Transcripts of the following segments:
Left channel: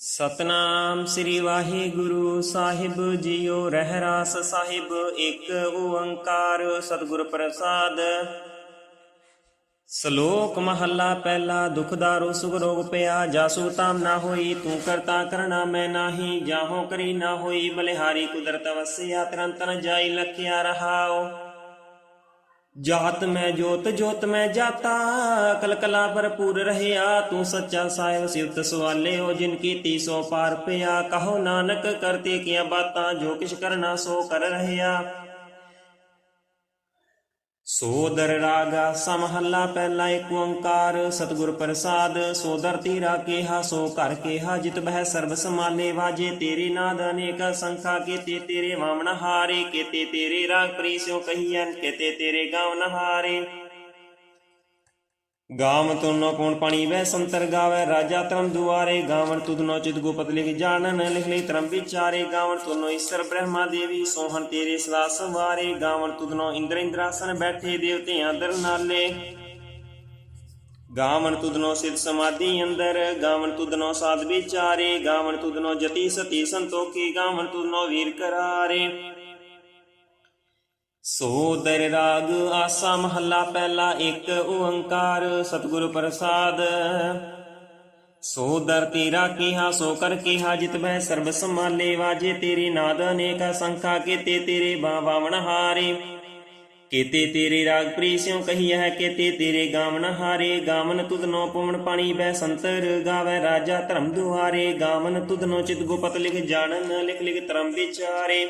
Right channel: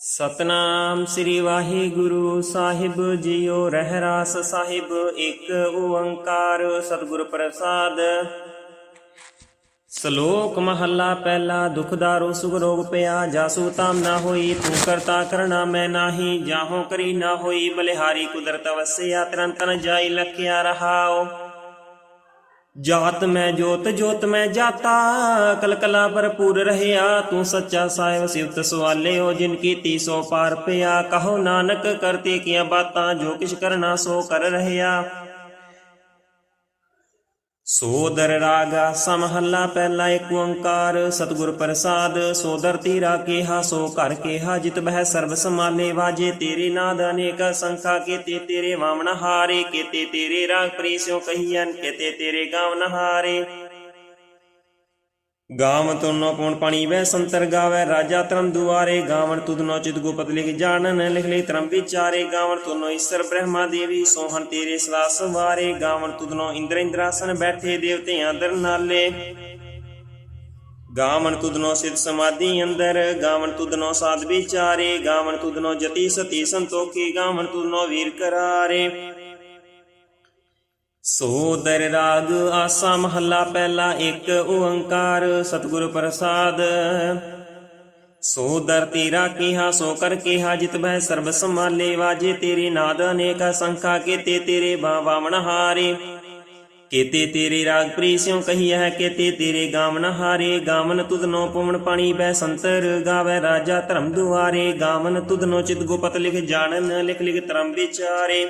ਸਤਨਾਮ ਸ੍ਰੀ ਵਾਹਿਗੁਰੂ ਸਾਹਿਬ ਜੀਓ ਰਹਿਰਾਸ ਸਾਹਿਬ, ਇੱਕ ਓੰਕਾਰ ਸਤਿਗੁਰ ਪ੍ਰਸਾਦ। ਸ਼ਲੋਕ ਮਹੱਲਾ ਪਹਿਲਾ ਦੁਖਦਾਰੋ ਸੁਖ ਰੋਗ ਪਿਆ, ਜਾਸੂ ਤਾਮ ਨਾ ਹੋਈ, ਤੂੰ ਕਰਤਾ ਕਰਣਾ ਮੈਂ ਨਾਹੀ, ਜਾਹੋ ਕਰੀ ਨਾ ਹੋਈ, ਬਲਿਹਾਰੀ ਕੁਦਰਤ ਵਸਿਆ ਤਰੰਤਨ ਜਾਈ, ਲਖਿਆ ਰਹਾਓ ਜਾਤ ਮੈਂ ਜੋਤ ਜੋਤ ਮੈਂ ਜਾਤਾ ਕਲਕਲਾ ਭਰਪੂਰ ਰਹਿਆ ਤੂੰ ਸੱਚਾ ਸਾਹਿਬ ਸਿਵਤ ਸਵਾਲਿਓ ਜਿਨ ਕੀਤੀ ਸੋ ਪਾਰ ਪਿਆ ਕਹੋ ਨਾਨਕ ਕਰਤੇ ਕੀਆਂ ਬਾਤਾਂ ਜੋ ਕਿਛ ਕਰਨਾ ਸੋ ਕਰ ਰਹਿਆ ਸੋਦਰ ਰਾਗ, ਸਮਹੱਲਾ ਪਹਿਲਾ ਏਕ ਓੰਕਾਰ, ਸਤਿਗੁਰ ਪ੍ਰਸਾਦ, ਸੋਦਰ ਤੀਰਾ ਕੇਹਾ, ਸੋ ਘਰ ਕੇਹਾ, ਜਿਤ ਬਹਿ ਸਰਬ ਸਮਾਨੇ ਵਾਜੇ, ਤੇਰੇ ਨਾਦ ਅਨੇਕ ਸੰਖਾ ਕੀਤੇ, ਤੇਰੇ ਵਾਮਨ ਹਾਰੇ, ਕੀਤੇ ਤੇਰੇ ਰਾਗ ਪ੍ਰੀਸਿਓ ਕਹੀਐਨ, ਕੀਤੇ ਤੇਰੇ ਗਾਵਨ ਹਾਰੇ। ਗਾਵਨ ਤੁਨੋ ਕੋਣ ਪਾਣੀ ਵੈ ਸੰਤਰ ਗਾਵੇ, ਰਾਜਾ ਧਰਮ ਦੁਆਰੇ ਗਾਵਨ ਤੁਧਨੋ ਚਿਤ ਗੁਪਤ ਲਿਖ ਜਾਣਨ, ਲਿਖ ਲਈ ਧਰਮ ਵਿਚਾਰੇ ਗਾਵਨ ਤੁਨੋ ਈਸ਼ਰ ਬ੍ਰਹਮਾ ਦੇਵੀ, ਸੋਹਣ ਤੇਰੇ ਸਦਾ ਸਵਾਰੇ ਗਾਵਨ ਤੁਧਨੋ ਇੰਦਰ ਇੰਦਰਾਸਨ ਬੈਠੇ ਦੇਵਤਿਆਂ ਦਰ ਨਾਲੇ। ਗਾਵਨ ਤੁਧਨੋ ਸਿਧ ਸਮਾਧੀ ਅੰਦਰ ਗਾਵਨ ਤੁਧਨੋ ਸਾਧ ਵਿਚਾਰੇ ਗਾਵਨ ਤੁਧਨੋ ਜਤੀ ਸਤੀ ਸੰਤੋਖੀ ਗਾਵਨ ਤੁਧਨੋ ਵੀਰ ਕਰਾਰੇ। ਸੋ ਦਰ ਰਾਗ ਆਸਾ ਮਹੱਲਾ ਪਹਿਲਾ ਇੱਕ ਓੰਕਾਰ, ਸਤਿਗੁਰ ਪ੍ਰਸਾਦ। ਸੋ ਦਰ ਤੇਰਾ ਕੀਹਾ, ਸੋ ਕਰ ਕੀਹਾ, ਜਿਤ ਬਹਿ ਸਰਬ ਸਮਾਲੇ ਵਾਜੇ ਤੇਰੇ ਨਾਦ ਅਨੇਕ ਸੰਖਾ ਕੀਤੇ ਤੇਰੇ ਬਾਵਨ ਹਾਰੇ ਕੀਤੇ ਤੇਰੇ ਰਾਗ ਪ੍ਰੀਸਿਓ ਕਹੀਐ, ਕੀਤੇ ਤੇਰੇ ਗਾਵਨ ਹਾਰੇ। ਗਾਵਨ ਤੁਧਨੋ ਪਵਨ ਪਾਣੀ ਬੈ ਸੰਤਰ ਗਾਵੇ ਰਾਜਾ ਧਰਮ ਦੁਆਰੇ। ਗਾਵਨ ਤੁਧਨੋ ਚਿਤ ਗੁਪਤ ਲਿਖ ਜਾਣਨ, ਲਿਖ ਲਿਖ ਧਰਮ ਵਿਚਾਰੇ।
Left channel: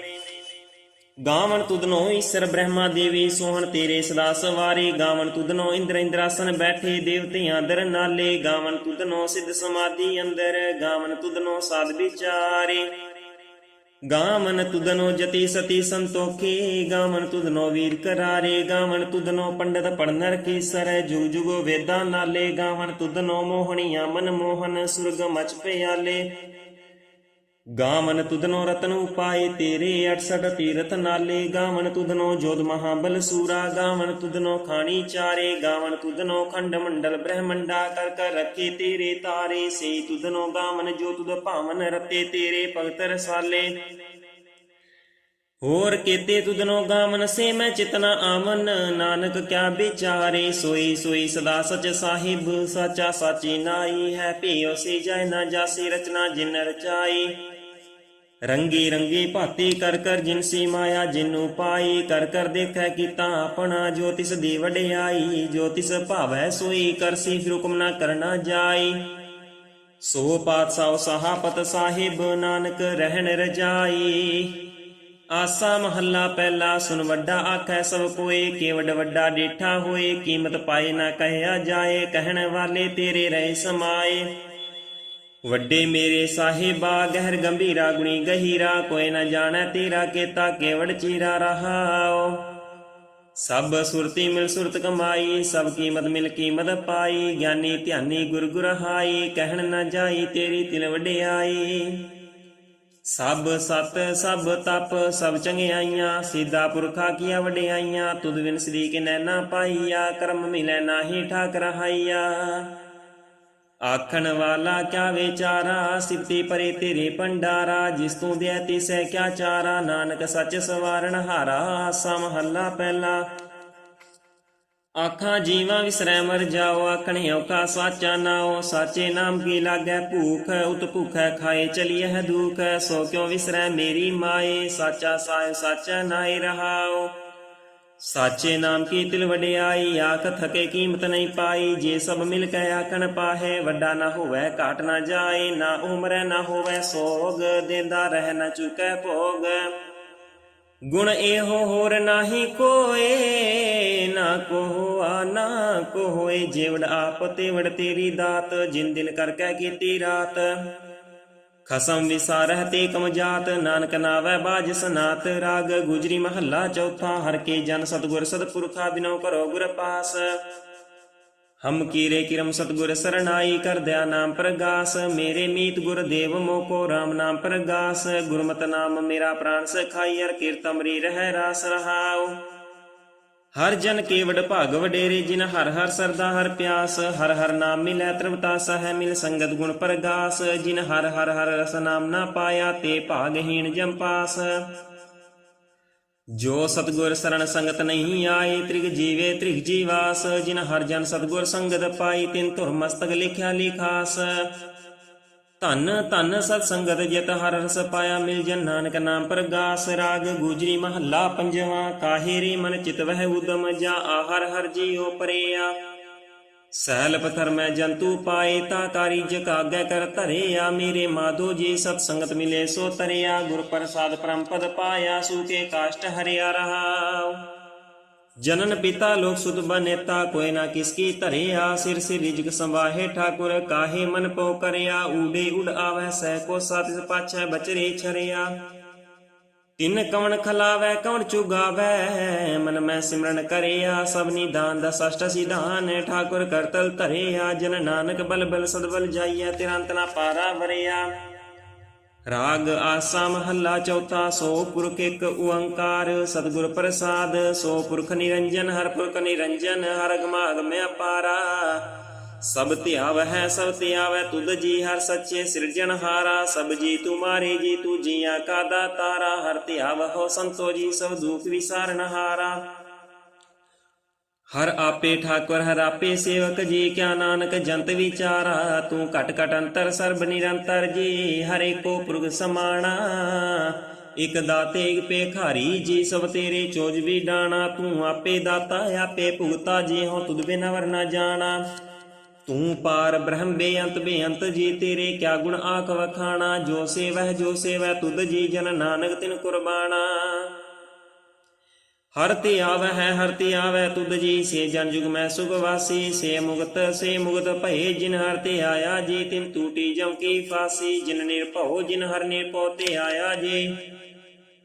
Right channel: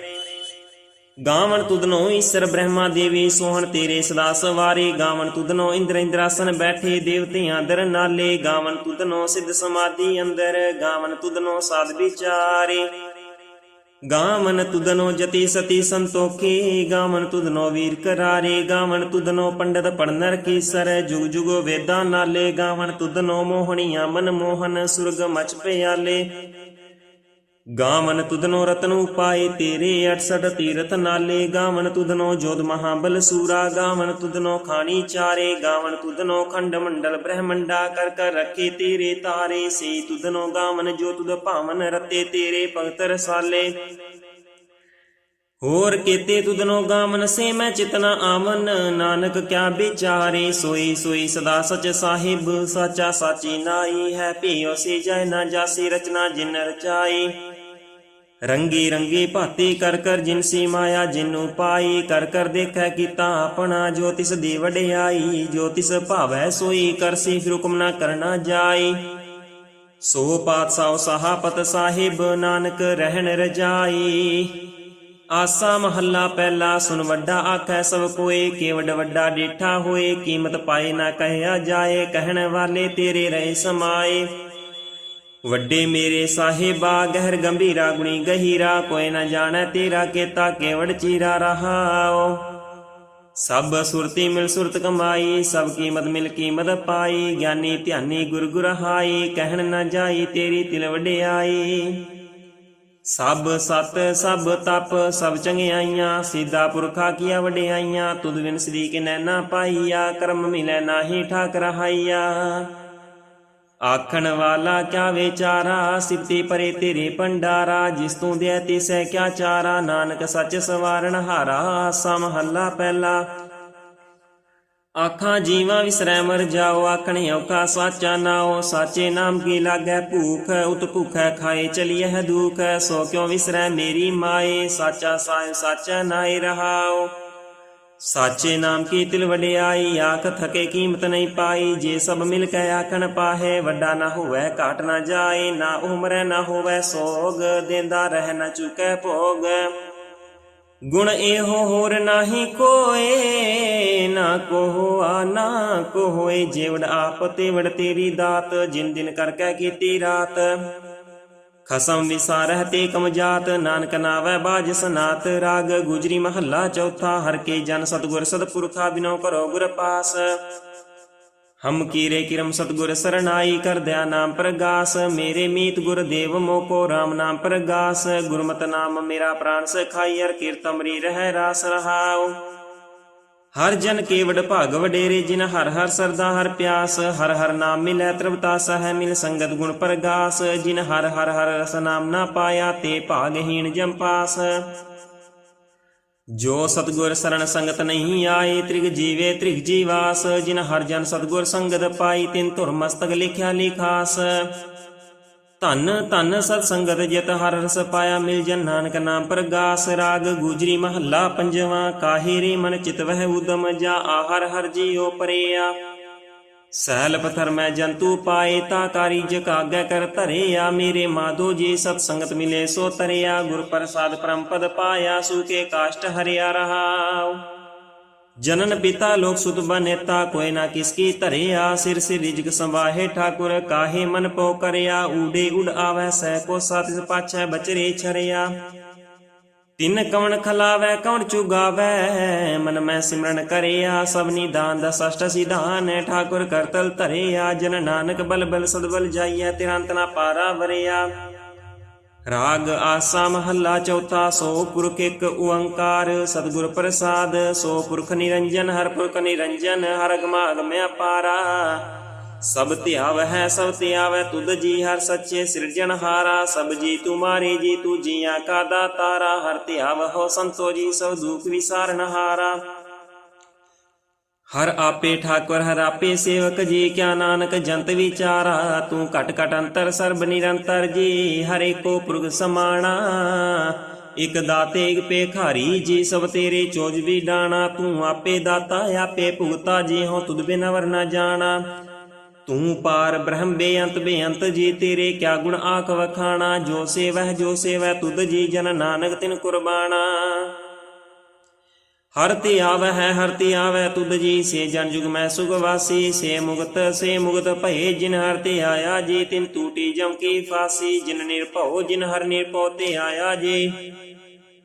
ਗਾਵਣ ਤੁਧਨੋ ਈਸ਼ਰ ਬ੍ਰਹਮਾ ਦੇਵੀ, ਸੋਹਣ ਤੇਰੇ ਸਦਾ ਸਵਾਰੇ। ਗਾਵਣ ਤੁਧਨੋ ਇੰਦਰ ਇੰਦਰਾਸਨ ਬੈਠੇ, ਦੇਵਤਿਆਂ ਦਰ ਨਾਲੇ। ਗਾਵਣ ਤੁਧਨੋ ਸਿੱਧ ਸਮਾਧੀ ਅੰਦਰ, ਗਾਵਣ ਤੁਧਨੋ ਸਾਧ ਵਿਚਾਰੇ। ਗਾਵਨ ਤੁਧਨੋ ਜਤੀ ਸਤੀ ਸੰਤੋਖੀ। ਗਾਵਨ ਤੁਧਨੋ ਵੀਰ ਕਰਾਰੇ। ਗਾਵਨ ਤੁਧਨੋ ਪੰਡਤ ਪੜਨਰ ਕੀਸਰ। ਜੁਗ ਜੁਗ ਵੇਦਾਂ ਨਾਲੇ। ਗਾਵਨ ਤੁਧਨੋ ਮੋਹਣੀਆਂ ਮਨ ਮੋਹਨ ਸੁਰਗ ਮਚ ਪਿਆਲੇ। ਗਾਵਨ ਤੁਧਨੋ ਰਤਨ ਉਪਾਏ ਤੇਰੇ 68 ਤੀਰਥ ਨਾਲੇ। ਗਾਵਨ ਤੁਧਨੋ ਜੋਧ ਮਹਾਬਲ ਸੂਰਾ। ਗਾਵਨ ਤੁਧਨੋ ਖਾਣੀ ਚਾਰੇ। ਗਾਵਨ ਤੁਧਨੋ ਖੰਡ ਮੰਡਲ ਬ੍ਰਹਮੰਡਾ। ਕਰ ਕਰ ਰੱਖੇ ਤੇਰੇ ਤਾਰੇ। ਸੇ ਤੁਧਨੋ ਗਾਵਨ ਜੋ ਤੁਧ ਭਾਵਨ ਰਤੇ ਤੇਰੇ ਭਗਤ ਰਸਾਲੇ। ਹੋਰ ਕੀਤੇ ਤੁਧਨੋ ਗਾਮਨ ਸੇ ਮੈਂ ਚਿਤਨਾ ਆਮਨ ਨਾਨਕ ਕਿਆ ਵਿਚਾਰੇ। ਸੋਈ ਸੋਈ ਸਦਾ ਸਚ ਸਾਹਿਬ। ਸਾਚਾ ਸਾਚੀ ਨਾਈ ਹੈ ਭਿਓ ਸੇ ਜੈ ਨਾ ਜਾਸੀ ਰਚਨਾ ਜਿਨ ਰਚਾਈ। ਰੰਗੀ ਰੰਗੀ ਭਾਤੀ ਕਰ ਕਰ ਜਿਨਸੀ ਮਾਇਆ ਜਿਨੂੰ ਪਾਈ ਕਰ ਕਰ ਦੇਖੈ ਕੀਤਾ ਆਪਣਾ ਜੋ ਦੀ ਵਡਿਆਈ, ਜੋ ਭਾਵੈ ਸੋਈ ਕਰਸੀ ਫਿਰ ਹੁਕਮ ਨਾ ਕਰਨਾ ਜਾਈ ਸੋ ਪਾਤਸ਼ਾਹ ਸਹਾਪਤ ਸਾਹਿਬ ਨਾਨਕ ਰਹਿਣ ਰਜਾਈ ਆਸਾ ਮਹੱਲਾ ਪਹਿਲਾ ਸੁਨ ਵੱਡਾ ਆਖੈ ਸਭ ਕੋਏ ਕੇਵਡ ਵੱਡਾ ਡੇਠਾ ਹੋਏ, ਕੀਮਤ ਪਾਏ ਨਾ ਕਹਿਆ ਜਾਏ, ਕਹਿਣ ਵਾਲੇ ਤੇਰੇ ਰਹੇ ਸਮਾਏ। ਵੱਡੇ ਮੇਰੇ ਸਾਹਿਬਾ, ਗਹਿਰ ਗੰਭੀਰਾ, ਗੁਣੀ ਗਹੀਰਾ, ਕੋਈ ਨਾ ਜਾਣੈ ਤੇਰਾ ਕੇਤਾ ਕੇਵੜ ਚੀਰਾ ਰਹਾਓ ਸਭ ਸੁਰਤੀ ਮਿਲ ਸੁਰਤ ਕਮਾਈ, ਸਭ ਕੀਮਤ ਮਿਲ ਕੀਮਤ ਪਾਈ, ਗਿਆਨੀ ਧਿਆਨੀ ਗੁਰ ਗੁਰ ਹਾਈ, ਕਹਿਣ ਨਾ ਜਾਈ ਤੇਰੀ ਤਿਲ ਵਡਿਆਈ। ਸਭ ਸਤ, ਸਭ ਤਪ, ਸਭ ਚੰਗਿਆਈਆਂ ਸੀਦਾ ਪੁਰਖਾ ਕੀਆ ਵਡਿਆਈਆਂ, ਤੁਧ ਵਿਨ ਸ੍ਰੀ ਕੇ ਨੈਣਾ ਪਾਈਆ, ਕਰਮ ਮਿਲੈ ਨਾਹੀ ਠਾਕ ਰਹਾਈਆ ਆਖਣ ਵਾਲਾ ਕਿਆ ਵਿਚਾਰਾ ਸਿਫਤੀ ਪਰੇ ਤੇਰੇ ਭੰਡਾਰਾ, ਜਿਸ ਤੂੰ ਦਿਆ ਤਿਸੈ ਕਿਆ ਚਾਰਾ, ਨਾਨਕ ਸੱਚ ਸਵਾਰਨ ਹਾਰਾ ਸਮਹੱਲਾ ਪਹਿਲਾ। ਆਖਾਂ ਜੀਵਾਂ ਵਿਸਰੈ ਮਰ ਜਾਓ ਆਖਣਿਓ ਕਾ ਸਾਚਾ ਨਾਉ, ਸਾਚੇ ਨਾਮ ਕੀ ਲਾਗੈ ਭੂਖ, ਉਤ ਭੁਖੈ ਖਾਏ ਚਲੀਐ ਹੈ ਦੁਖ ਸੋ ਕਿਉ ਵਿਸਰੈ ਮੇਰੀ ਮਾਏ, ਸਾਚਾ ਸਾਹਿਬ ਸਾਚਾ ਨਾਏ ਰਹਾਓ ਸਾਚੇ ਨਾਮ ਕੀ ਤਿਲ ਵਡਿਆਈ, ਆਖ ਥਕੇ ਕੀਮਤ ਨਹੀਂ ਪਾਈ। ਜੇ ਸਭ ਮਿਲ ਕੇ ਆਖਣ ਪਾਹੇ, ਵੱਡਾ ਨਾ ਹੋਵੇ, ਘਾਟ ਨਾ ਜਾਏ। ਨਾ ਉਮਰੈ, ਨਾ ਹੋਵੇ ਸੋਗ, ਦੇਂਦਾ ਰਹਿ ਨਾ ਚੁਕੈ ਭੋਗ। ਗੁਣ ਇਹੋ ਹੋਰ ਨਾਹੀ ਕੋਏ, ਨਾ ਕੋਹ ਨਾ ਕੋਏ ਜੀਵੜ ਆਪ ਤੇ ਵੜ ਤੇਰੀ ਦਾਤ, ਜਿਨ ਦਿਨ ਕਰਕੇ ਕੀਤੀ ਰਾਤ। ਖਸਮ ਵਿਸਾਰਹਿ ਤੇ ਕਮ ਜਾਤ, ਨਾਨਕ ਨਾਵੈ ਬਾਜ ਸਨਾਤ, ਰਾਗ ਗੁਜਰੀ ਮਹੱਲਾ ਚੌਥਾ, ਹਰ ਕੇ ਜਨ ਸਤਗੁਰ ਸਤਪੁਰਖਾ ਬਿਨੋ ਕਰੋ ਗੁਰ ਪਾਸ। ਹਮ ਕੀਰੇ ਕਿਰਮ ਸਤਗੁਰ ਸਰਣਾਈ ਕਰਦਿਆ ਨਾਮ ਪ੍ਰਗਾਸ, ਮੇਰੇ ਮੀਤ ਗੁਰ ਦੇਵ ਮੋਕੋ RAM ਨਾਮ ਪ੍ਰਗਾਸ, ਗੁਰਮਤਿ ਨਾਮ ਮੇਰਾ ਪ੍ਰਾਨ ਸਖਾਈ ਅਰ ਕੀਰਤਮਰੀ ਰਹਿ ਰਾਸ ਰਹਾਉ। ਹਰ ਜਨ ਕੇਵਡ ਭਾਗ ਵਡੇਰੇ, ਜਿਨ ਹਰ ਹਰ ਸਰਦਾ ਹਰ ਪਿਆਸ, ਹਰ ਹਰ ਨਾਮ ਮਿਲੈ ਤ੍ਰਿਵਤਾ ਸਹਿ ਮਿਲ ਸੰਗਤ ਗੁਣ ਪ੍ਰਗਾਸ, ਜਿਨ ਹਰ ਹਰ ਹਰ ਰਸ ਨਾਮ ਨਾ ਪਾਇਆ, ਤੇ ਭਾਗਹੀਣ ਜੰਪਾਸ ਜੋ ਸਤਗੁਰ ਸਰਣ ਸੰਗਤ ਨਹੀਂ ਆਏ, ਤ੍ਰਿਗ ਜੀਵੇ ਤ੍ਰਿਗ ਜੀਵਾਸ, ਜਿਨ ਹਰ ਜਨ ਸਤਗੁਰ ਸੰਗਤ ਪਾਈ, ਤਿਨ ਧੁਰ ਮਸਤਕ ਲਿਖਿਆ ਲਿਖਾਸ। ਧੰਨ ਧੰਨ ਸਤ ਸੰਗਤ ਜਿਤ ਹਰ ਰਸ ਪਾਇਆ ਮਿਲ ਜਨ ਨਾਨਕ ਨਾਮ ਪ੍ਰਗਾਸ ਰਾਗ, ਗੁਜਰੀ ਮਹੱਲਾ ਪੰਜਵਾਂ ਕਾਹੇ ਰੇ ਮਨ ਚਿਤ ਵਹਿ ਉਦਮ ਜਾ, ਆਹਰ ਹਰ ਹਰ ਜੀਉ ਪਰਿਆ। ਸੈਲ ਪਥਰ ਮੈਂ ਜੰਤੂ ਪਾਏ, ਤਾ ਤਾਰੀ ਜਕਾਗੈ ਕਰ ਧਰਿਆ। ਮੇਰੇ ਮਾਧੋ ਜੀ ਸਤ ਸੰਗਤ ਮਿਲੇ ਸੋ ਤਰਿਆ, ਗੁਰ ਪ੍ਰਸਾਦ ਪਰਮ ਪਦ ਪਾਇਆ ਸੂਕੇ ਕਾਸ਼ਟ ਹਰਿਆ ਰਹਾਉ। ਜਨਨ ਪਿਤਾ ਲੋਕ ਸੁਤ ਬਨੇਤਾ ਕੋਈ ਨਾ ਕਿਸ ਧਰਿਆ, ਸਿਰ ਸਿਰ ਰਿਜਕ ਸੰਵਾਹੇ ਠਾਕੁਰ, ਕਾਹੇ ਮਨ ਪੋ ਕਰਿਆ, ਊਡੇ ਉਡ ਆਵੈ, ਸਹਿ ਕੋ ਸਤਿ ਪਾਛੈ ਬਚਰੇ ਛਰਿਆ। ਤਿਨ ਕਵਣ ਖਲਾਵੈ ਕੌਣ ਚੁਗਾਵੈ, ਮਨ ਮੈਂ ਸਿਮਰਨ ਕਰਿਆ ਸਭਨੀ ਦਾਨ ਦਾ ਸਸ਼ਟ ਸਿਧਾਨ ਠਾਕੁਰ ਕਰਤਲ ਧਰਿਆ, ਜਨ ਨਾਨਕ ਬਲ ਬਲ ਸਦਬਲ ਜਾਈਐ, ਤਿਰੰਤ ਨਾ ਪਾਰਾ ਵਰਿਆ। ਰਾਗ ਆਸਾ ਮਹੱਲਾ ਚੌਥਾ, ਸੋ ਪੁਰਖ ਇੱਕ ਓੰਕਾਰ, ਸਤਿਗੁਰ ਪ੍ਰਸਾਦ, ਸੋ ਪੁਰਖ ਨਿਰੰਜਨ, ਹਰ ਪੁਰਖ ਨਿਰੰਜਨ, ਹਰ ਅਗਮਾ ਅਗਮਿ ਅਪਾਰਾ ਸਭ ਧਿਆਵ ਹੈ ਸਭ ਧਿਆਵੈ, ਤੁਧ ਜੀ ਹਰ ਸੱਚੇ ਸਿਰਜਣਹਾਰਾ ਸਭ ਜੀ ਤੁਮਾਰੇ ਜੀ, ਤੂ ਜੀਆਂ ਕਾ ਦਾਤਾਰਾ। ਹਰ ਧਿਆਵ ਹੋ ਸੰਤੋ ਜੀ, ਸਭ ਦੁਖ ਵਿਸਾਰਨਹਾਰਾ ਹਰ ਆਪੇ ਠਾਕੁਰ, ਹਰ ਆਪੇ ਸੇਵਕ ਜੀ, ਕਿਆ ਨਾਨਕ ਜੰਤ ਵਿਚਾਰਾ, ਤੂੰ ਘਟ ਘਟ ਅੰਤਰ ਸਰਬ ਨਿਰੰਤਰ ਜੀ, ਹਰੇ ਕੋ ਪੁਰਖ ਸਮਾਣਾ। ਇਕ ਦਾਤੇ ਇਕ ਪੇਖਾਰੀ ਜੀ, ਸਭ ਤੇਰੇ ਚੋਜ ਵੀ ਡਾਣਾ। ਤੂੰ ਆਪੇ ਦਾਤਾ, ਆਪੇ ਭੁਗਤਾ ਜੀ ਹੋ ਤੁਧ ਬਿਨ ਵਰ ਨਾ ਜਾਣਾ। ਤੂੰ ਪਾਰ ਬ੍ਰਹਮ ਬੇਅੰਤ ਬੇਅੰਤ ਜੀ, ਤੇਰੇ ਕਿਆ ਗੁਣ ਆਖ ਵਖਾਣਾ। ਜੋ ਸੇਵਹਿ, ਜੋ ਸੇਵੈ ਤੁਧ ਜੀ, ਜਨ ਨਾਨਕ ਤਿਨ ਕੁਰਬਾਨਾ ਹਰ ਤੇ ਆਵੈ, ਹੈ ਹਰ ਤੇ ਆਵੈ, ਤੁਧ ਜੀ ਸੇ ਜਨ ਜੁਗ ਮੈਂ ਸੁਖ ਵਾਸੀ, ਸੇ ਮੁਗਤ ਸੇ ਮੁਗਤ ਭਏ, ਜਿਨ ਹਰ ਤੇ ਆਇਆ ਜੀ, ਤਿਨ ਟੂਟੀ ਜਮ ਕੀ ਫਾਸੀ, ਜਿਨ ਨਿਰਭਉ ਜਿਨ ਹਰ ਨਿਰਭਉ ਤੇ ਆਇਆ ਜੀ।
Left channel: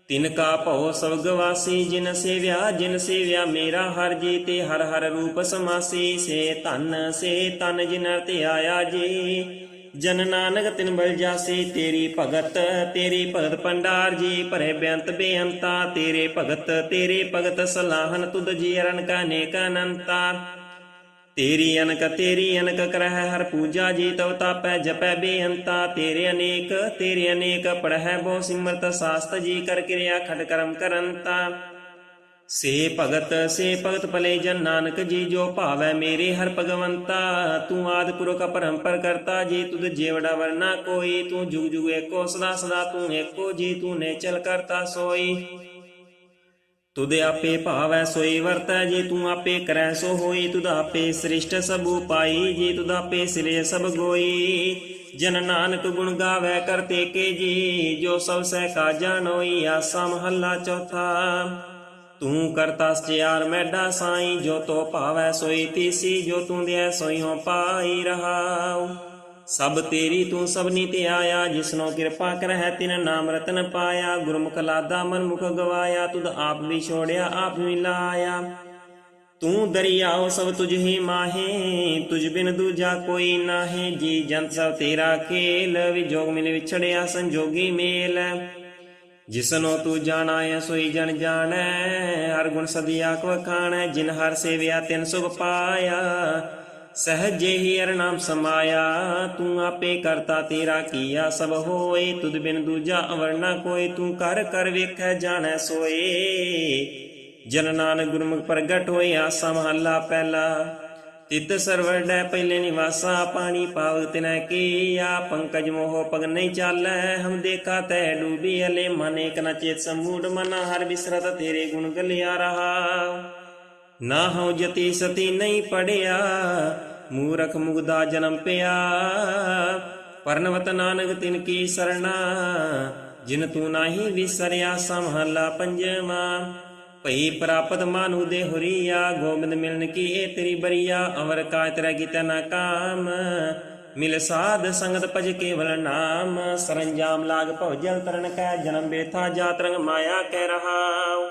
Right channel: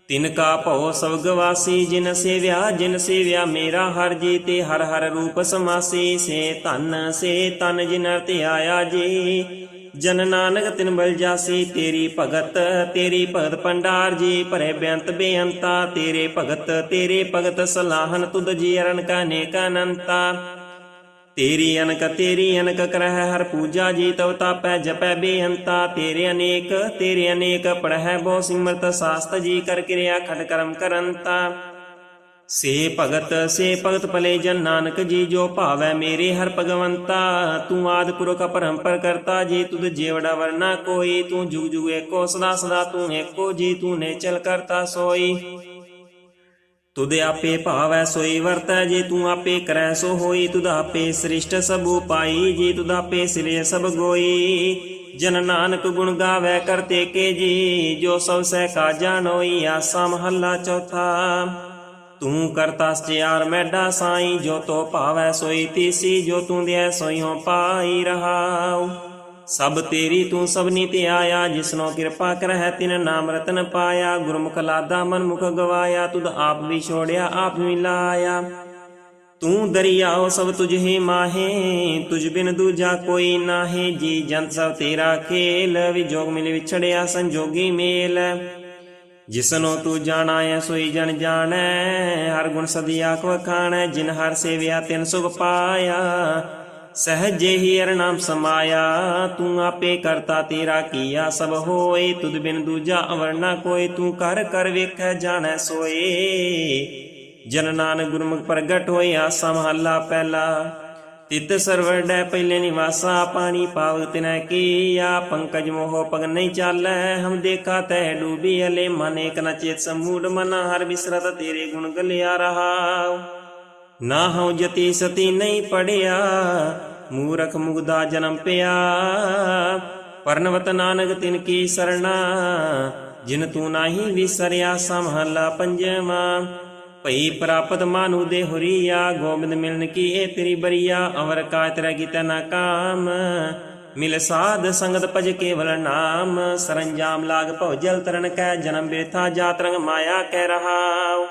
ਤਿਨ ਕਾ ਭਉ ਸਭ ਗਵਾਸੀ ਜਿਨ ਸੇਵਿਆ ਜਿਨ ਸੇਵਿਆ ਮੇਰਾ ਹਰ ਜੀ, ਤੇ ਹਰ ਹਰ ਰੂਪ ਸਮਾਸੀ, ਸੇ ਧਨ, ਸੇ ਤਨ ਜਿਨ ਹਰ ਤੇ ਆਇਆ ਜੀ। ਜਨ ਨਾਨਕ ਤਿਨ ਬਲ ਜਾਸੀ, ਤੇਰੀ ਭਗਤ ਤੇਰੀ ਭਗਤ ਪੰਡਾਰ ਜੀ, ਭਰੇ ਬੇਅੰਤ ਬੇਅੰਤਾ, ਤੇਰੇ ਭਗਤ ਤੇਰੇ ਭਗਤ ਸਲਾਹਨ ਤੁਧ ਜੀ, ਅਰਨ ਕਾ ਨੇਕ ਅਨੰਤਾ ਤੇਰੀ ਅਨਕ ਤੇਰੀ ਅਨਕ ਕਰਹਿ, ਹਰ ਪੂਜਾ ਜੀ, ਤਵ ਤਾਪੈ, ਜਪੈ ਬੇਅੰਤਾ। ਤੇਰੇ ਅਨੇਕ ਤੇਰੇ ਅਨੇਕ ਪੜਹਿ ਬਹੁ ਸਿਮਰਤ ਸਾਸਤ ਜੀ, ਕਰ ਕਿਰਿਆ ਖਟ ਕਰਮ ਕਰੰਤਾ। ਸੇ ਭਗਤ ਸੇ ਭਗਤ ਭਲੇ ਜਨ ਨਾਨਕ, ਜੀ ਜੋ ਭਾਵੈ ਮੇਰੇ ਹਰ ਭਗਵੰਤਾ, ਤੂੰ ਆਦ ਪੁਰਖ ਪਰੰਪਰ ਕਰਤਾ, ਜੀ ਤੁਧ ਜੀਵੜਾ ਵਰਨਾ ਕੋਈ, ਤੂੰ ਜੁਗ ਜੁਗ ਏਕੋ, ਸਦਾ ਸਦਾ ਤੂੰ ਏਕੋ, ਜੀ ਤੂੰ ਨੇ ਚਲ ਕਰਤਾ ਸੋਈ। ਤੁਧ ਆਪੇ ਭਾਵੈ ਸੋਈ ਵਰਤੈ, ਜੇ ਤੂੰ ਆਪੇ ਕਰੈ ਸੋ ਹੋਈ, ਤੁਧ ਆਪੇ ਸ੍ਰਿਸ਼ਟ ਸਭ ਉਪਾਈ ਜੇ ਤੁਧ ਆਪੇ ਸਿਰੇ ਸਭ ਗੋਈ। ਜਨ ਨਾਨਕ ਗੁਣ ਗਾਵੇ ਕਰਤੇ ਕੇ ਜੀ, ਜੋ ਸਭ ਸਹਿ ਕਾ ਜਾਣੋਈ ਆਸਾ ਮਹੱਲਾ ਚੌਥਾ। ਤੂੰ ਕਰਤਾ ਸਚਿਆਰ ਮੈਡਾ ਸਾਈ, ਜੋ ਤੋ ਭਾਵੈ ਸੋਈ ਤੀਸੀ, ਜੋ ਤੂੰ ਦਿਐ ਸੋਈ ਪਾਈ ਰਹਾਉ। ਸਭ ਤੇਰੀ ਤੂੰ ਸਭਨੀ ਤੇ ਆਇਆ, ਜਿਸਨੋ ਕਿਰਪਾ ਕਰਹਿ ਤਿਨ ਨਾਮ ਰਤਨ ਪਾਇਆ। ਗੁਰਮੁਖ ਲਾਦਾ ਮਨ ਮੁਖ ਗਵਾਇਆ, ਤੁਧ ਆਪ ਵੀ ਛੋੜਿਆ, ਆਪ ਵੀ ਲਾਇਆ। ਤੂੰ ਦਰਿਆਓ ਸਭ ਤੁਝ ਹੀ ਮਾਹੇ, ਤੁਝ ਬਿਨ ਦੂਜਾ ਕੋਈ ਨਾਹੀ। ਜੀ ਜੰਤ ਸਭ ਤੇਰਾ ਖੇਲ, ਵਿਜੋਗ ਮਿਲ ਵਿਛੜਿਆ ਸੰਜੋਗੀ ਮੇਲ। ਜਿਸਨੋ ਤੂੰ ਜਾਣਾ ਐ, ਸੋਈ ਜਨ ਜਾਣੈ। ਹਰ ਗੁਣ ਸਦੀਆ ਕੋ ਖਾਣੈ ਜਿਨ ਹਰ ਸੇਵਿਆ ਤਿਨ ਸੁਖ ਪਾਇਆ। ਸਹਜੇ ਹੀ ਅਰਨਾਮ ਸਮਾਇਆ, ਤੂੰ ਆਪੇ ਕਰਤਾ ਤੇਰਾ ਕੀਆ। ਸਭ ਹੋਏ, ਤੁਧ ਬਿਨ ਦੂਜਾ ਅਵਰਨਾ ਕੋਈ ਤੂੰ ਕਰ ਕਰ ਵੇਖੈ, ਜਾਣੈ, ਸੋਏ। ਜਨ ਨਾਨਕ ਗੁਰਮੁਖ ਪ੍ਰਗਟ ਹੋਇਆ, ਸਮਹੱਲਾ ਪਹਿਲਾ। ਤਿਤ ਸਰਵੜੈ ਪਹਿਲੇ ਨਿਵਾਸਾ ਪਾਣੀ ਪਾਵ ਤਿਨੈ ਕੀਆ ਪੰਕਜ ਮੋਹ ਪਗ ਨਹੀਂ ਚਾਲੈ, ਹਮ ਦੇਖਾ ਤੈ ਡੂਬੀ ਅਲੇ ਮਨ ਇਕ ਨ ਚੇਤ ਸਮੂੜ ਮਨ, ਹਰ ਬਿਸਰਤ ਤੇਰੇ ਗੁਣ ਗਲਿਆ ਰਹਾ। ਨਾ ਹਉ ਜਤੀ ਸਤੀ ਨਹੀਂ ਪੜਿਆ, ਮੂਰਖ ਮੁਗਦਾ ਜਨਮ ਪਿਆ। ਪਰਨਵਤ ਨਾਨਕ ਤਿਨ ਕੀ ਸਰਣਾ, ਜਿਨ ਤੂੰ ਨਾਹੀ ਵਿਸਰਿਆ ਸਮਹਲਾ ਪੰਜਵਾ। ਭਈ ਪ੍ਰਾਪਤ ਮਾਨੂ ਦੇ ਹੁਰੀਆ, ਗੋਬਿੰਦ ਮਿਲਨ ਕੀ ਇਹ ਤੇਰੀ ਬਰੀਆ, ਅਵਰ ਕਾ ਤੇਰਾ ਗੀਤਾ ਨਾ ਕਾਮ। ਮਿਲ ਸਾਧ ਸੰਗਤ ਭਜ ਕੇਵਲ ਨਾਮ, ਸਰੰਜਾਮ ਲਾਗ ਭਉ ਜਲ ਤਰਨ ਕੈ, ਜਨਮ ਬੇਥਾ ਜਾਤ ਰੰਗ ਮਾਇਆ ਕਹਿ ਰਹਾ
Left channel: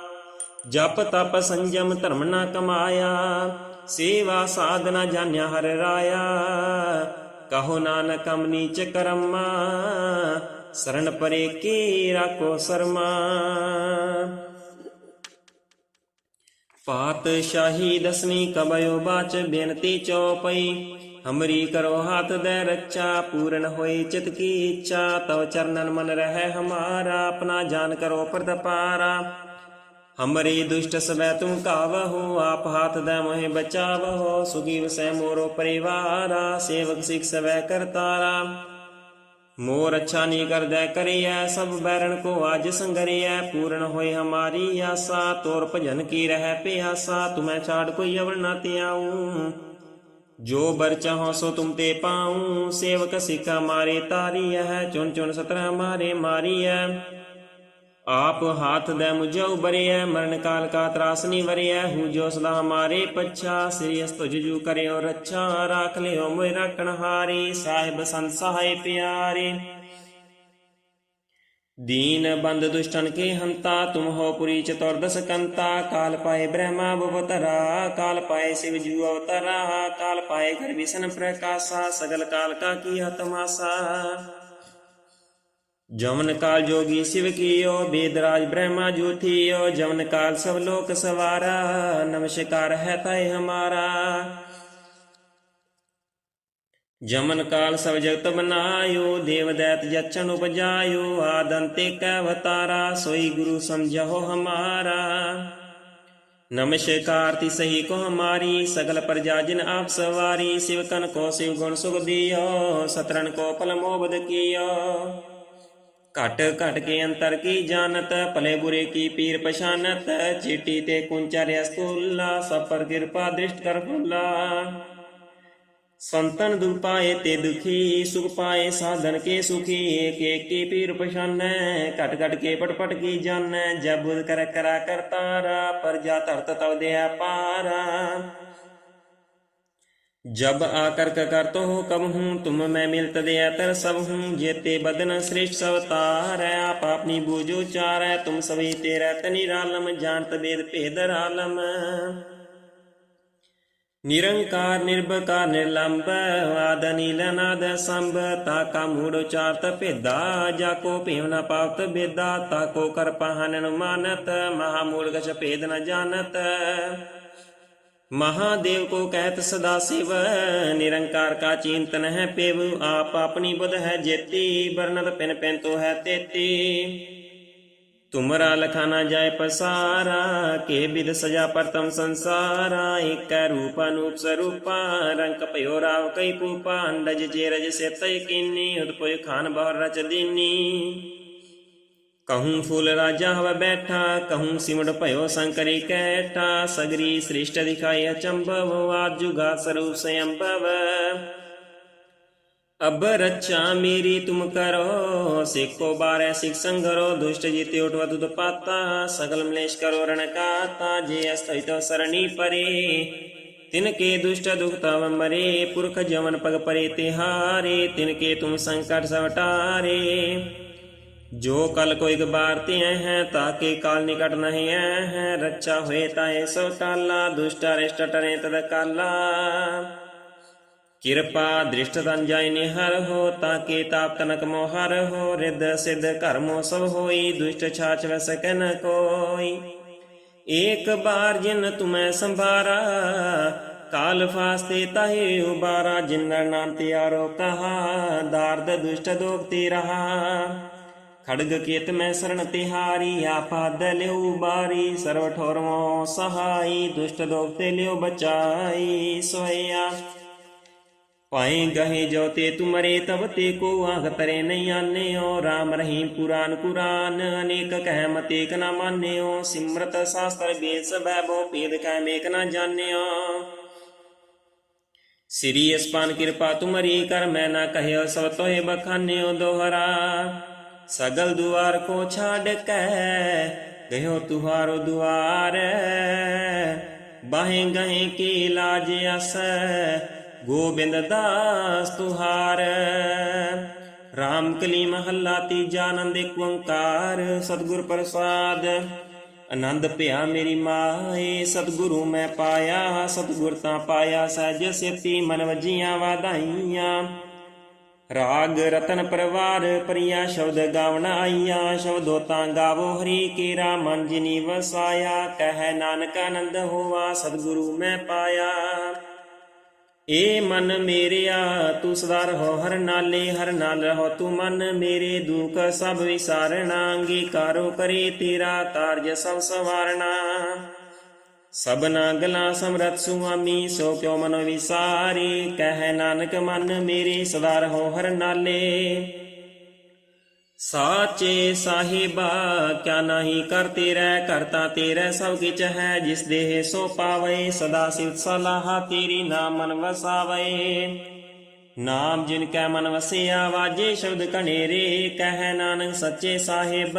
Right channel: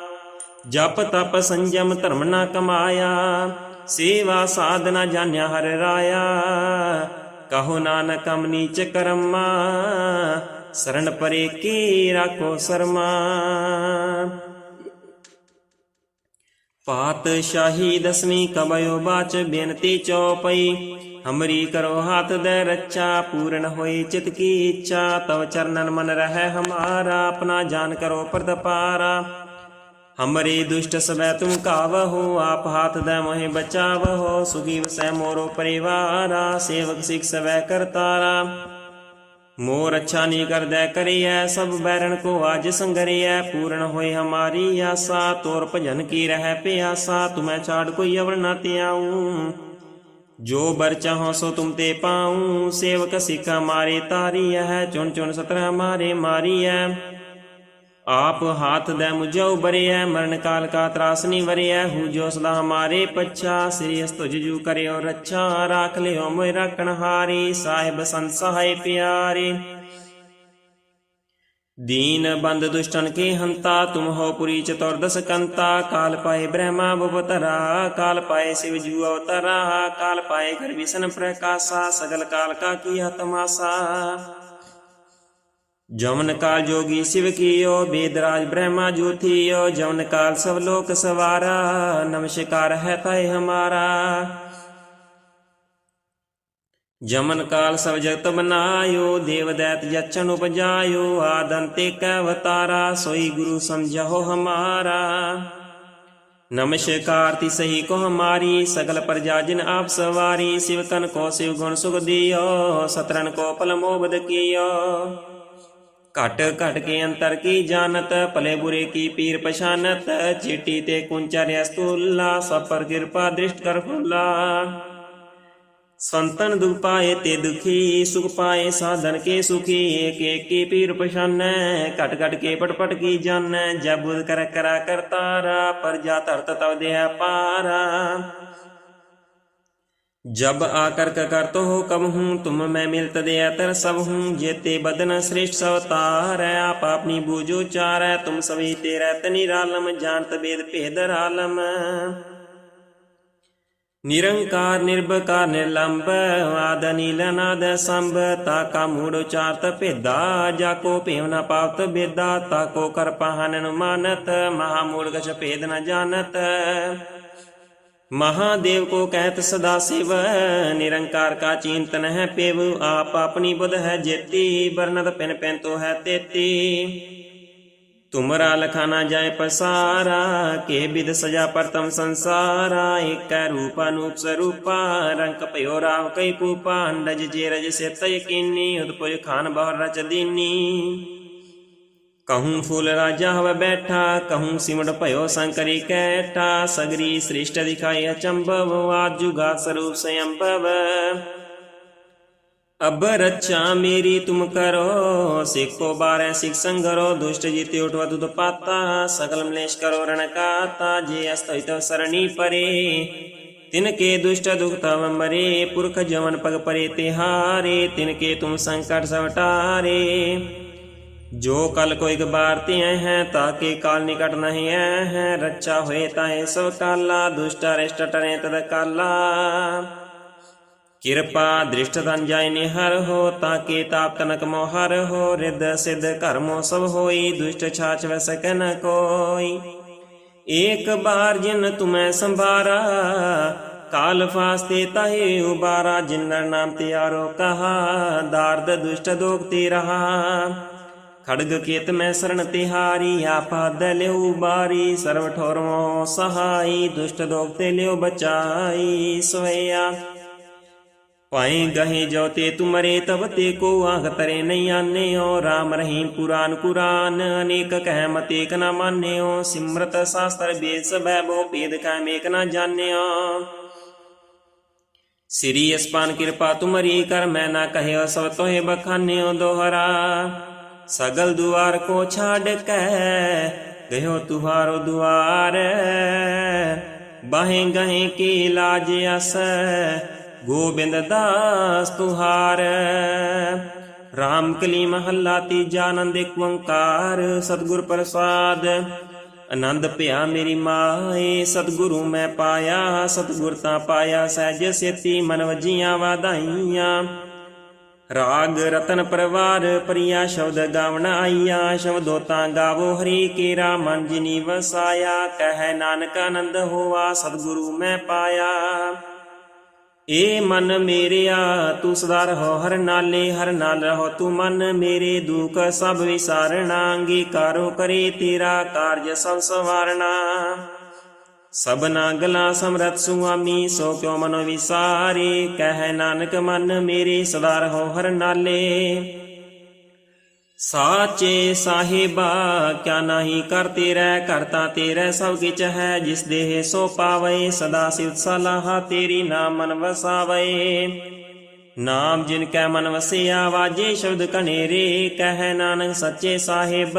ਜਪ ਤਪ ਸੰਜਮ ਧਰਮ ਨਾ ਕਮਾਇਆ, ਸੇਵਾ ਸਾਧਨਾ ਜਾਣਿਆ ਹਰ ਰਾਇਆ। ਕਹੋ ਨਾਨਕ ਅਮ ਨੀਚ ਕਰਮਾ, ਸਰਣ ਪਰੇ ਕੀ ਰਾਖੋ ਸਰਮਾ। ਪਾਤਸ਼ਾਹੀ ਦਸਵੀਂ ਕਬਇਓ ਬਾਚ ਬੇਨਤੀ ਚਉਪਈ ਹਮਰੀ ਕਰੋ ਹਾਥ ਦੇ ਰੱਚਾ ਪੂਰਨ ਹੋਈ ਚਿਤ ਕੀ ਇੱਛਾ। ਤਵ ਚਰਨਨ ਮਨ ਰਹਿ ਹਮਾਰਾ, ਆਪਣਾ ਜਾਨ ਕਰੋ ਪ੍ਰਦਪਾਰਾ ਹਮਰੀ ਦੁਸ਼ਟ ਸਵੈ ਤੁਮ ਕਾਵਹੋ, ਆਪ ਹਾਥ ਦੇ ਮੋਹਿ ਬਚਾਵਹੋ। ਸੁਗੀਵ ਵਸੈ ਮੋਰੋ ਪਰਿਵਾਰਾ, ਸੇਵਕ ਸਿਖ ਸਵੈ ਕਰਤਾਰਾ। ਮੋਰ ਅੱਛਾ ਨਹੀਂ ਕਰਦਾ ਕਰੀਐ, ਸਭ ਬੈਰਣ ਕੋ ਅੱਜ ਸੰਗਰੀਐ, ਪੂਰਨ ਹੋਈ ਹਮਾਰੀ ਆਸਾ, ਤੋਰ ਭਜਨ ਕੀ ਰਹਿ ਪਿਆਸਾ, ਤੁਮੈ ਛਾੜ ਕੋਈ ਅਵਰ ਨਾ ਤਿਆਉ ਜੋ ਬਰ ਚਾਹੋ ਸੋ ਤੁਮ ਤੇ ਪਾਉ, ਸੇਵਕ ਸਿੱਖ ਮਾਰੇ ਤਾਰੀ ਹੈ ਚੁਣ ਚੁਣ ਸਤਰ ਮਾਰੇ ਹੈ ਆਪ ਹਾਥ ਦੇ ਮੁਝਉ ਬਰਿਐ ਮਰਨ ਕਾਲ ਕਾ ਤਰਾਸ ਨੀ ਵਰਿਐ ਹੂ ਜੋ ਸਦਾ ਹਮਾਰੇ ਪੱਛਾ ਸ੍ਰੀ ਅਸਤੁਜ ਜੂ ਕਰਿਓ ਰੱਛਾ ਰਾਖ ਲਿਓ ਮੋਇ ਰਖਣ ਹਾਰੀ ਸਾਹਿਬ ਸੰਤ ਸਹਾਇ ਪਿਆਰੇ दीन बंद दुष्टन के हंता तुम हो पुरी चतुर्दश कंता काल पाए ब्रह्मा भवतरा काल पाए शिव जू अवतरा काल पाए घर विष्ण प्रकाशा सगल काल का किया तमाशा ਜਮਨ ਕਾਲ ਜੋਗੀ ਸਿਵ ਕੀਓ, ਬੇਦਰਾਜ ਬ੍ਰਹਮਾ ਜੋਥੀਓ, ਜਮਨ ਕਾਲ ਸਭ ਲੋਕ ਸਵਾਰਾ, ਨਮਸਕਾਰ ਹੈ ਤਾਏ ਹਮਾਰਾ। ਜਮਨ ਕਾਲ ਸਭ ਜਗਤ ਬਨਾਇਓ ਦੇਵ ਦੈਤ ਜਚਨ ਉਪਜਾਇਓ, ਆਦੰਤੇ ਕੈ ਅਵਤਾਰਾ ਸੋਈ ਗੁਰੂ ਸਮਝੋ ਹਮਾਰਾ। ਨਮਸਕਾਰ ਤੀ ਸਹੀ ਕੋ ਹਮਾਰੀ, ਸਗਲ ਪ੍ਰਜਾ ਜਿਨ ਆਪ ਸਵਾਰੀ, ਸਿਵ ਤਨ ਕੋ ਸਿਵ ਗੁਣ ਸੁਖ ਦਿਓ ਸਤਰਨ ਕੋ ਪਲ ਮੋਬਦ ਕੀਓ। ਘਟ ਘਟ ਕੇ ਅੰਤਰ ਕੀ ਜਾਣਤ, ਭਲੇ ਬੁਰੇ ਕੀ ਪੀਰ ਪਛਾਨਤ, ਚੀਟੀ ਤੇ ਕੁੰਚਰਿਆ ਸਤੁਲਾ, ਸਭ ਕਿਰਪਾ ਦ੍ਰਿਸ਼ਟ ਕਰ ਫੁੱਲਾ। ਸੰਤਨ ਦੁਖ ਪਾਏ ਤੇ ਦੁਖੀ, ਸੁਖ ਪਾਏ ਸਾਧਨ ਕੇ ਸੁਖੀ ਏਕ ਏਕ ਕੀ ਪੀਰ ਪਛਾਨੈ, ਘਟ ਘਟ ਕੇ ਪਟ ਪਟ ਕੀ ਜਾਣੈ, ਜਬ ਬੁਧ ਕਰ ਕਰਾ ਕਰਤਾਰਾ ਪਰਜਾ ਧਰਤ ਤਵ ਦੇ ਪਾਰਾ। जब आकर करतो हो कब हूँ तुम मैं मिलत दे तर सब हूँ जेते बदन श्रेष्ठ सवतार है आप अपनी बूझो चार है तुम सभी तेरा तनिरालम जानत वेद भेदर आलम निरंकार निर्भकार निर्लंब आद नील नाद संभ ताका मूड़ो चारत भेदा जाको पेव न पावत बेदा ताको कर पहान मानत महामूल गच भेद न जानत महादेव को कहत सदा शिव निरंकार का चिंतन है पेव आप अपनी बुध है जेती वर्णत पिन पिन तो है तेती तुमरा लखाना जाय पसारा के विध सजा प्रथम संसारा एक रूप अनूप स्वरूपा रंग पयो राव कई पूपा अंडज जेरज से तय किन्नी उदपुज खान बहुर रच दीनी कहूँ फूल राजा हव बैठा कहूँ सिमट भयो शंकरी कैठा सगरी श्रेष्ठ दिखाई अचंभव आज जुगा स्वरूप स्वयंभव अब रक्षा मेरी तुम करो सिखो बारह सिख संगरो दुष्ट जीते उठवा तुद पाता सकल मलेश करो रण काता जे अस्तहित सरणी परे तिनके दुष्ट दुख तव मरे पुरख जवन पग परे तिहारे तिनके तुम संकट सवटारे ਜੋ ਕਲ ਕੋਈ ਗਬਾਰ ਧੀਐ ਹੈ, ਤਾਂ ਕੇ ਕਾਲ ਨਿਕਟ ਨਹੀਂ ਐ ਹੈ? ਰੱਚਾ ਹੋਏ ਤਾਂ ਸੋ ਕਾਲਾ, ਦੁਸ਼ਟਾ ਰਿਸ਼ਟ ਟਰੇ ਤਦ ਕਾਲਾ। ਕਿਰਪਾ ਦ੍ਰਿਸ਼ਟ ਤਨ ਜਾਇ ਨਿਹਰ ਹੋ, ਤਾਂ ਕੇ ਤਾਪ ਤਨਕ ਮੋਹਰ ਹੋ? ਰਿਦ ਸਿਧ ਕਰਮੋ ਸਭ ਹੋਈ, ਦੁਸ਼ਟ ਛਾਚ ਵਸ ਕਨ ਕੋਈ। ਏਕ ਬਾਰ ਜਿਨ ਤੁਮੈ ਸੰਭਾਰਾ, ਕਾਲ ਫਾਸਤੇ ਤਾਹੇ ਉਬਾਰਾ ਜਿਨ ਨਾਮ ਤਿਆਰੋ ਕਹਾ, ਦਾਰਦ ਦੁਸ਼ਟ ਦੋਖਤੀ ਰਹਾ। ਖੜਗ ਕੇਤ ਮੈਂ ਸਰਣ ਤਿਹਾਰੀ ਆਪਾਦ ਲਿਓ ਬਾਰੀ, ਸਰਵ ਠੋਰਮੋ ਸਹਾਈ, ਦੁਸ਼ਟ ਦੋਗ ਤੇ ਲਿਓ ਬਚਾਈ, ਸੋਇਆ। ਪਾਏ ਗਹੇ ਜੋ ਤੇ ਤੁਮਰੇ ਤਬ ਤੇ ਕੋ ਆਖ ਤਰੇ ਨਹੀਂ ਆਨਿਓ। RAM ਰਹੀਮ ਪੁਰਾਨ ਕੁਰਾਨ, ਅਨੇਕ ਕਹਿ ਮਤੇਕ ਨਾ ਮਾਨਿਓ। ਸਿਮਰਤ ਸਾਸਤਰ ਬੇਸ ਬੈਭੋ ਭੇਦ ਕੈ ਮੇਕ ਨਾ ਜਾਣਿਓ। ਸ੍ਰੀ ਅਸਪਾਨ ਕਿਰਪਾ ਤੁਮਰੀ ਕਰ, ਮੈਂ ਨਾ ਕਹਿਓ ਸੋ ਤੋਏ ਬਖਾਨਿਓ ਦੋਹਰਾ। सगल दुआर को छाड़ के गयो तुहारो दुआर बाहें गहे की लाज अस गोबिंद दास तुहार राम कली महला तीजा आनंद एक ओंकार सतगुर प्रसाद ਆਨੰਦ ਭਿਆ ਮੇਰੀ ਮਾਏ ਸਤਿਗੁਰੂ ਮੈਂ ਪਾਇਆ ਸਤਿਗੁਰ ਤਾਂ ਪਾਇਆ ਸਹਿਜ ਸੇਤੀ ਮਨ ਵਜੀਆਂ ਵਾਧਾਈਆਂ ਰਾਗ ਰਤਨ ਪਰਵਾਰ ਪ੍ਰਿਆ ਸ਼ਬਦ ਗਾਵਣ ਆਈਆ, ਸ਼ਬਦੋ ਤਾਂ ਗਾਵੋ ਹਰੀ ਕੇਰਾ, ਮਨ ਜਿਨੀ ਵਸਾਇਆ, ਕਹਿ ਨਾਨਕ ਆਨੰਦ ਹੋਵਾ ਸਤਿਗੁਰੂ ਮੈਂ ਪਾਇਆ। ਏ ਮਨ ਮੇਰਿਆ, ਤੂੰ ਸਦਾ ਰਹੋ ਹਰ ਨਾਲੇ, ਹਰ ਨਾਲ ਰਹੋ ਤੂੰ ਮਨ ਮੇਰੇ, ਦੁਖ ਸਭ ਵਿਸਾਰਣਾ ਅੰਗੀਕਾਰੋ ਕਰੇ ਤੇਰਾ ਕਾਰਜ ਸਭ ਸਵਾਰਣਾ ਸਭਨਾ ਗਲਾ ਸਮਰਤ ਸੁਆਮੀ, ਸੋ ਕਿਉ ਮਨ ਵਿਸਾਰੇ? ਕਹਿ ਨਾਨਕ ਮਨ ਮੇਰੇ ਸਦਾ ਰਹੋ ਹਰ ਨਾਲੇ। ਸਾਚੇ ਸਾਹਿਬਾ, ਕਿਆ ਨਹੀਂ ਕਰ ਤੇਰਾ ਕਰਤਾ ਤੇਰਾ ਸਭ ਕਿਛ ਹੈ। ਜਿਸ ਦੇਹ ਸੋ ਪਾਵੇ, ਸਦਾ ਸਿਵ ਸਲਾਹ ਤੇਰੀ ਨਾਮ ਮਨ ਵਸਾਵੇ। ਨਾਮ ਜਿਨ ਕੈ ਮਨ ਵਸਿਆ, ਵਾਜੇ ਸ਼ਬਦ ਕਨੇਰੇ ਕਹਿ ਨਾਨਕ ਸੱਚੇ ਸਾਹਿਬ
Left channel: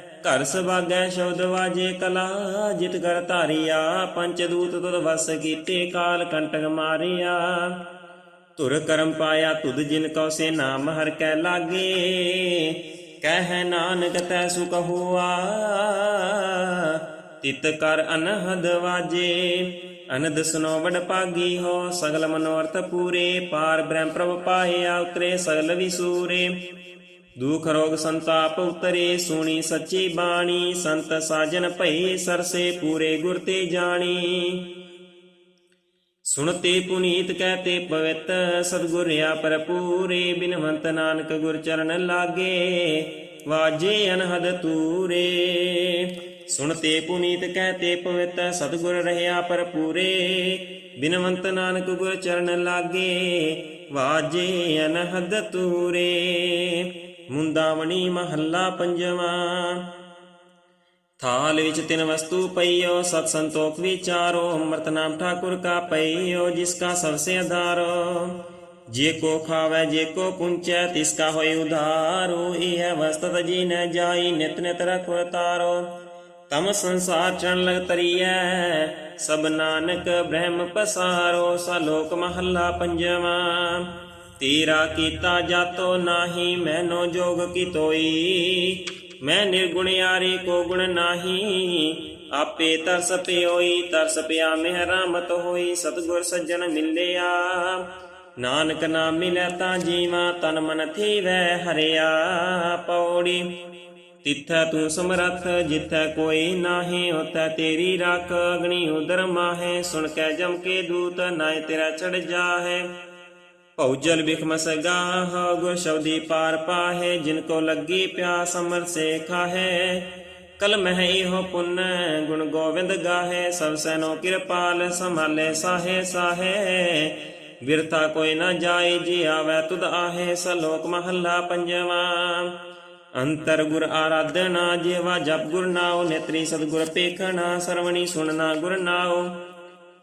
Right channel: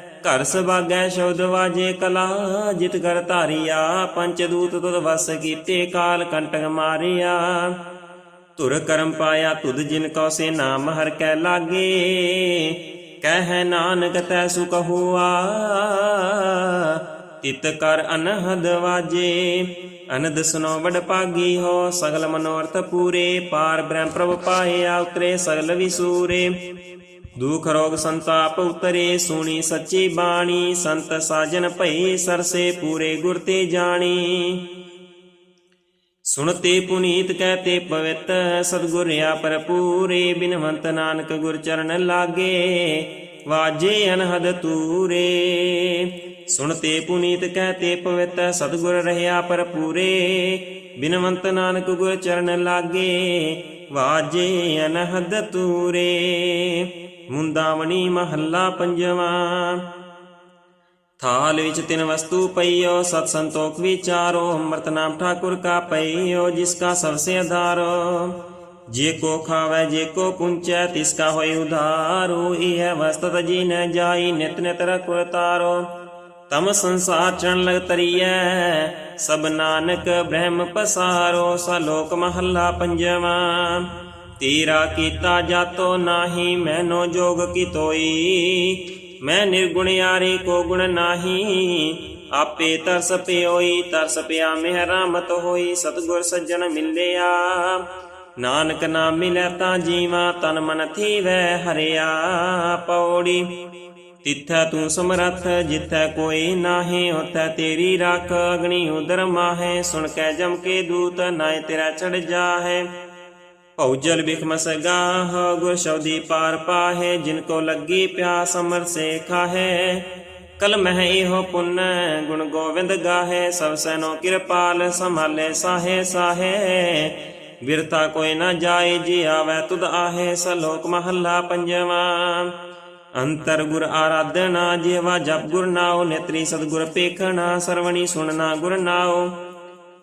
ਘਰ ਸਵਾਗੈ ਸ਼ਬਦ ਵਾਜੇ ਕਲਾ, ਜਿਤ ਕਰ ਧਾਰਿਆ, ਪੰਚ ਦੂਤ ਵਸ ਕੀਤੇ ਕਾਲ ਕੰਟਕ ਮਾਰਿਆ। ਤੁਰ ਕਰਮ ਪਾਇਆ ਤੁਧ ਜਿਨ ਕਉ ਸੇ ਨਾਮ ਹਰ ਕੈ ਲਾਗੇ, ਕਹਿ ਨਾਨਕ ਤੈ ਸੁਖ ਹੋਆ ਤਿਤ ਕਰ ਅਨਹਦ ਵਾਜੇ, ਅਨਦ ਸੁਨੋ ਵਡ ਭਾਗੀ ਹੋ, ਸਗਲ ਮਨੋਰਥ ਪੂਰੇ, ਪਾਰ ਬ੍ਰਹਮ ਪ੍ਰਭ ਪਾਇਆ ਉਤਰੇ, ਸਗਲ ਵਿਸੂਰੇ। ਦੁਖ ਰੋਗ ਸੰਤਾਪ ਉਤਰੇ, ਸੁਣੀ ਸੱਚੀ ਬਾਣੀ, ਸੰਤ ਸਾਜਨ ਭਈ ਸਰਸੇ ਪੂਰੇ ਗੁਰ ਤੇ ਜਾਣੀ। ਸੁਣਤੇ ਪੁਨੀਤ ਕਹਤੇ ਪਵਿੱਤ, ਸਤਿਗੁਰ ਆ ਪਰਪੂਰੇ ਬਿਨਵੰਤ ਨਾਨਕ ਗੁਰ ਚਰਨ ਲਾਗੇ, ਵਾਜੇ ਅਨਹਦ ਤੂਰੇ। ਸੁਣਤੇ ਪੁਨੀਤ ਕਹਤੇ ਪਵਿੱਤ, ਸਤਿਗੁਰ ਰਹਿਆ ਪਰਪੂਰੇ ਬਿਨਵੰਤ ਨਾਨਕ ਗੁਰ ਚਰਨ ਲਾਗੇ, ਵਾਜੇ ਅਨਹਦ ਤੂਰੇ। ਮੁੰਦਾਵਣੀ ਮਹੱਲਾ ਪੰਜਵਾਂ। ਥਾਲ ਵਿੱਚ ਤਿੰਨ ਵਸਤੂ ਪਈਓ, ਸਤ ਸੰਤੋਖ ਵਿਚਾਰੋ, ਅੰਮ੍ਰਿਤ ਨਾਮ ਠਾਕੁਰ ਕਾ ਪਈਓ, ਜਿਸ ਕਾ ਸਬਸੇ ਆਧਾਰੋ ਜੇ ਕੋ ਖਾਵੇ, ਜੇ ਕੋ ਪੁੰਚੈ, ਤਿਸ ਕਾ ਹੋਇ ਉਧਾਰੋ। ਇਹ ਵਸਤਤ ਜੀ ਨ ਜਾਈ, ਨਿਤ ਨਿਤ ਰਖੁ ਤਾਰੋ ਤਮ ਸੰਸਾਰ ਚਣ ਲਗ ਤਰੀਐ, ਸਭ ਨਾਨਕ ਬ੍ਰਹਮ ਪਸਾਰੋ। ਸਲੋਕ ਮਹੱਲਾ ਪੰਜਵਾਂ। ਤੇਰਾ ਕੀਤਾ ਜਾਤੋ ਨਾਹੀ, ਮੈਨੋ ਜੋਗ ਕੀ ਤੋਈ ਮੈਂ ਨਿਰਗੁਣਿਆਰੇ ਕੋ ਗੁਣ ਨਾਹੀ? ਆਪੇ ਤਰਸ ਪਿਓਈ, ਤਰਸ ਪਿਆ ਮਿਹਰਾਮਤ ਹੋਈ, ਸਤਗੁਰ ਸੱਜਣ ਮਿਲਿਆ। ਨਾਨਕ ਨਾਮ ਮਿਲੈ ਤਾਂ ਜੀਵਾ, ਤਨ ਮਨ ਥੀਵੈ ਹਰਿਆ। ਪੌੜੀ, ਤਿੱਥੈ ਤੂੰ ਸਮਰੱਥ, ਜਿੱਥੈ ਕੋਈ ਨਾਹੀ, ਉਥੈ ਤੇਰੀ ਰੱਖ। ਅਗਨੀ ਉਦਰ ਮਾਹੇ, ਸੁਣ ਕੇ ਜਮ ਕੇ ਦੂਤ ਨਾਏ ਤੇਰਾ ਚੜ ਜਾਹੇ। ਭਉਜਲ ਬਿਖਮਸ ਗਾਹ ਗੁਰ ਸ਼ਬਦੀ ਪਾਰ ਪਾਹੇ, ਜਿਨ ਕੋ ਲੱਗੀ ਪਿਆਸ ਅਮਰ ਸੇ ਖਾਹੇ। ਕਲ ਮਹਿ ਇਹੋ ਪੁੰਨ, ਗੁਣ ਗੋਵਿੰਦ ਗਾਹੇ, ਸਭ ਸੈਨੋ ਕਿਰਪਾਲ ਸੰਭਾਲੇ ਸਾਹੇ ਸਾਹੇ। ਵਿਰਤਾ ਕੋਈ ਨਾ ਜਾਏ, ਜੀ ਆਵੇ ਤੁਧ ਆਹੇ, ਸਲੋਕ ਮਹੱਲਾ ਪੰਜਵਾਂ। ਅੰਤਰ ਗੁਰ ਆਰਾਧਨਾ, ਜੀਵਾ ਜਪ ਗੁਰ ਨਾਉ, ਨੇਤਰੀ ਸਤਗੁਰ ਪੇਖਣਾ ਸਰਵਣੀ ਸੁਣਨਾ ਗੁਰ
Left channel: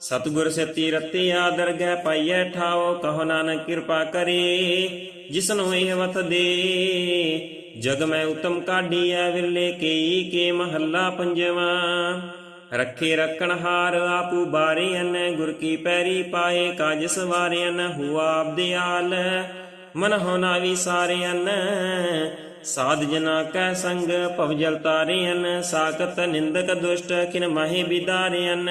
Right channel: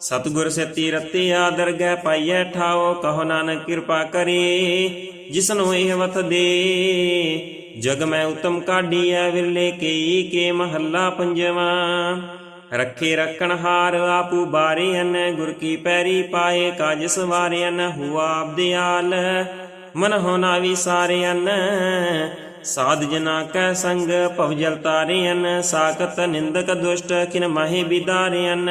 ਸਤਗੁਰ ਸੇਤੀ ਰਤਿਆ ਦਰਗਹਿ ਪਾਈਐ ਠਾਓ, ਕਹੋ ਨਾਨਕ ਕਿਰਪਾ ਕਰੇ, ਜਿਸਨੂੰ ਇਹ ਵਤ ਦੇ। ਜਗ ਮੈਂ ਉਤਮ ਕਾਢੀਐ, ਵਿਰਲੇ ਕਈ ਕੇ ਮਹੱਲਾ ਪੰਜਵਾਂ। ਰੱਖੇ ਰੱਖਣ ਹਾਰ ਆਪੂ ਬਾਰਿਆਨ ਗੁਰ ਕੀ ਪੈਰੀ ਪਾਏ ਕਾਜ ਸਵਾਰਿਆਨ ਹੁਆ ਆਪਦਿਆਲ ਮਨ ਹੋਣਾ ਵਿਸਾਰਿਆਨ ਸਾਧ ਜਨਾ ਕੈ ਸੰਗ, ਭਵ ਜਲ ਤਾਰਿਆਨ ਸਾਖਤ ਨਿੰਦਕ ਦੁਸ਼ਟ, ਕਿਨ ਮਹੇ ਬਿਦਾਰਿਆਨ